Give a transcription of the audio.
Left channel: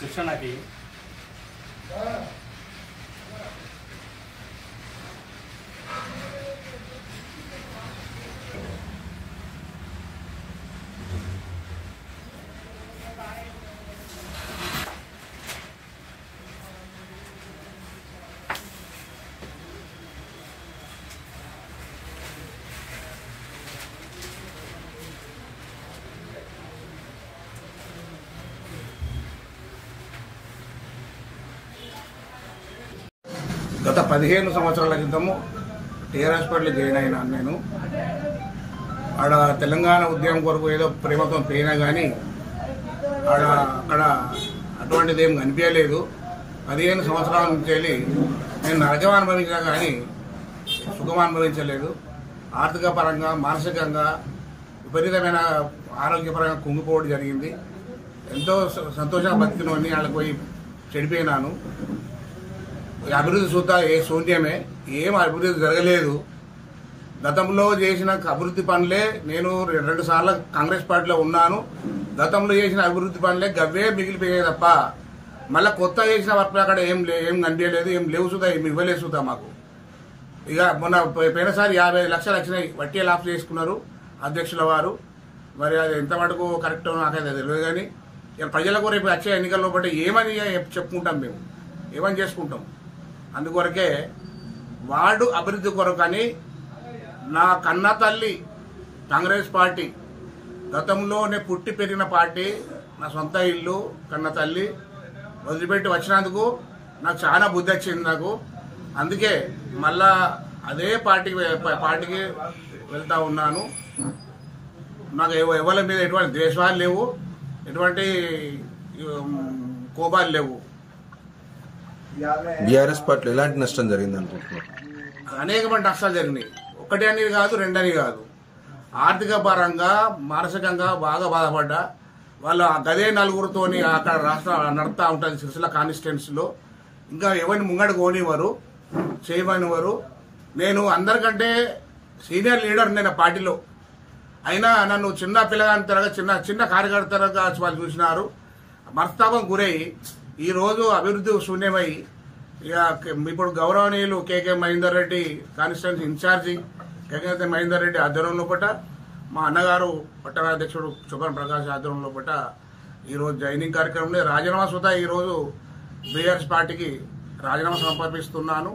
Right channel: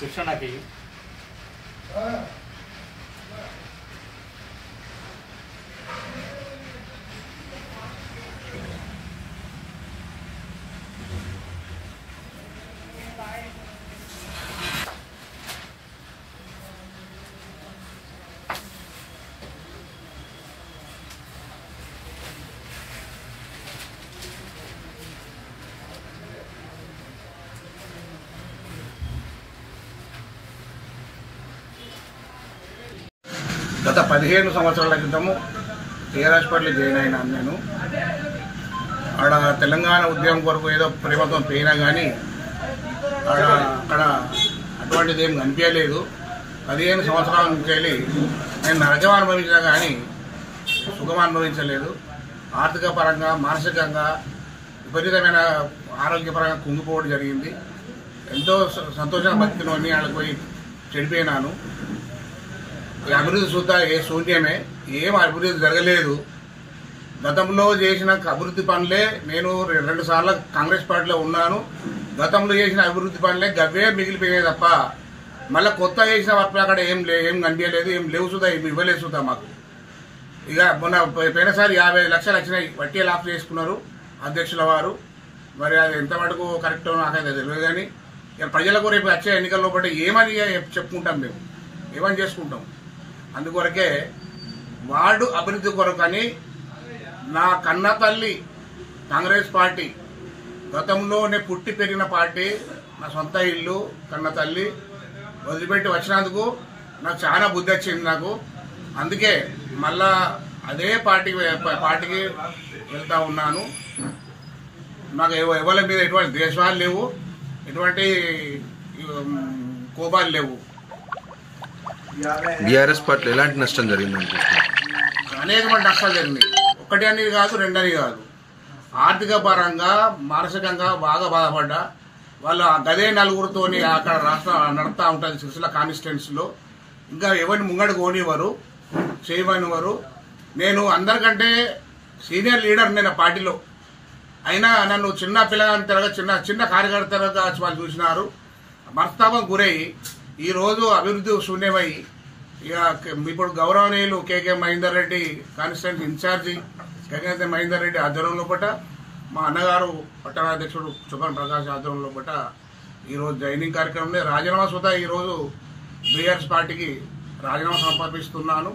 కృష్ణకి గత 15 సంవత్సరాల క్రితము టీఆర్ఎస్ పార్టీలో జాయిన్ అయినాను నేను. ఆడ తెలంగాణ ఉద్యమం కొరకు ఏదో ప్రేమతో పోయినా కానీ అక్కడ అటువంటిది ఏం కనిపించలేదు. 15 సంవత్సరాల నుంచి వెళ్ళి నేను నరకం అనుభవించినా కానీ సుఖం అనుభవించలేదు. ఆర్థిక పరంగా, మానసికంగా విపరీతమైన ఆరోగ్యపరంగా కుంగిపోవడం జరిగింది. ఎంతో సంతోషంగా బతికినోని వాళ్ళకి పోయి చెడిపోయినాను. అభివృద్ధి చూద్దా ఏ శూన్యమే, ఏం అభివృద్ధి జరగలేదు. గతంలో చేసిన అభివృద్ధి పనులే, నేను 2 సార్లు కాంగ్రెస్ పార్టీలో ఉన్నాను. గతంలో చేసిన అభివృద్ధి పనులే గవ్వే మిగిలిపోయాయి తప్ప మళ్ళీ కొత్త చేసిన వర్క్ అక్కడ ఏం కనిపించలేదు, ఏం లేవు చూద్దా, ఏం ఇవ్వలేదు చూద్దా మాకు. ఇక మొన్న పోయినసారి 55 లక్షలు వచ్చినాయి, వడ్డీ లాప్ చేసుకున్నారు అధ్యక్షుల వారు. మరి అది ఎంత మటుకు కరెక్టో నాకైతే తెలియదు. కానీ ఇక ప్రజలకు రేపు వచ్చే ఎన్నికల్లో బట్టి ఏమని చెప్పుకుంటాం, మేము ఏమని చేసుకుంటాం. అందుకొరకే వార్డు అభివృద్ధి కొరకని నా కన్న తల్లి కాంగ్రెస్ పార్టీ, గతంలోనే పుట్టి పెరిగిన పార్టీ, నా సొంత ఇల్లు, కన్న తల్లి వదిలిపెట్టి వచ్చినందుకు నాకు చాలా బుద్ధి వచ్చింది నాకు. అందుకే మళ్ళా అదే పార్టీకి వెళ్తా ఉన్నాను. నాకు ఎవరి మీద ఎటువంటి ద్వేషాలు లేవు, ఎటువంటి కోపాలు లేవు. బీఆర్ఎస్ పార్టీలో ఎలాంటి నష్టం జరిగింది అనుకుంటున్నారు? అనేకమైన నష్టాలు జరిగినాయి. ఒకటి అనేది కాదు, 2 అని కాదు. ఆర్థిక పరంగా, మానసికంగా బాగా బాధపడ్డా. వాళ్ళు గదే నలుగురితోని అక్కడ రాష్ట్రం నడుస్తూ ఉంటుంది సిరిసిల్ల కాన్స్టిట్యున్సీలో. ఇంకా ఎవరిని ముంగడు కోనివ్వరు, చేయమనివ్వరు. నేను అందరికంటే సీనియర్ లీడర్ నేను పార్టీలో. అయినా నన్ను చిన్న పిల్లగాంతరగా చిన్న కార్యకర్తలుగా వాళ్ళు చూసినారు. మనస్తాపం గురై ఈరోజు అభివృద్ధి శూన్యమై ఇక ఇప్పుడు గౌరవనీయులు కేకే మహేందర్ రెడ్డి కాన్స్టిట్యున్సీ ఇన్ఛార్జి కేకే మహేందర్ రెడ్డి ఆధ్వర్యంలో పట్ట, మా అన్నగారు పట్టణాధ్యక్షుడు చుక్కన్ ప్రకాష్ ఆధ్వర్యంలో పట్ట ఈరోజు జాయినింగ్ కార్యక్రమం రాజీనామా సుధా ఈరోజు బీఆర్ఎస్ పార్టీకి రాజీనామా సమర్పిస్తున్నాను.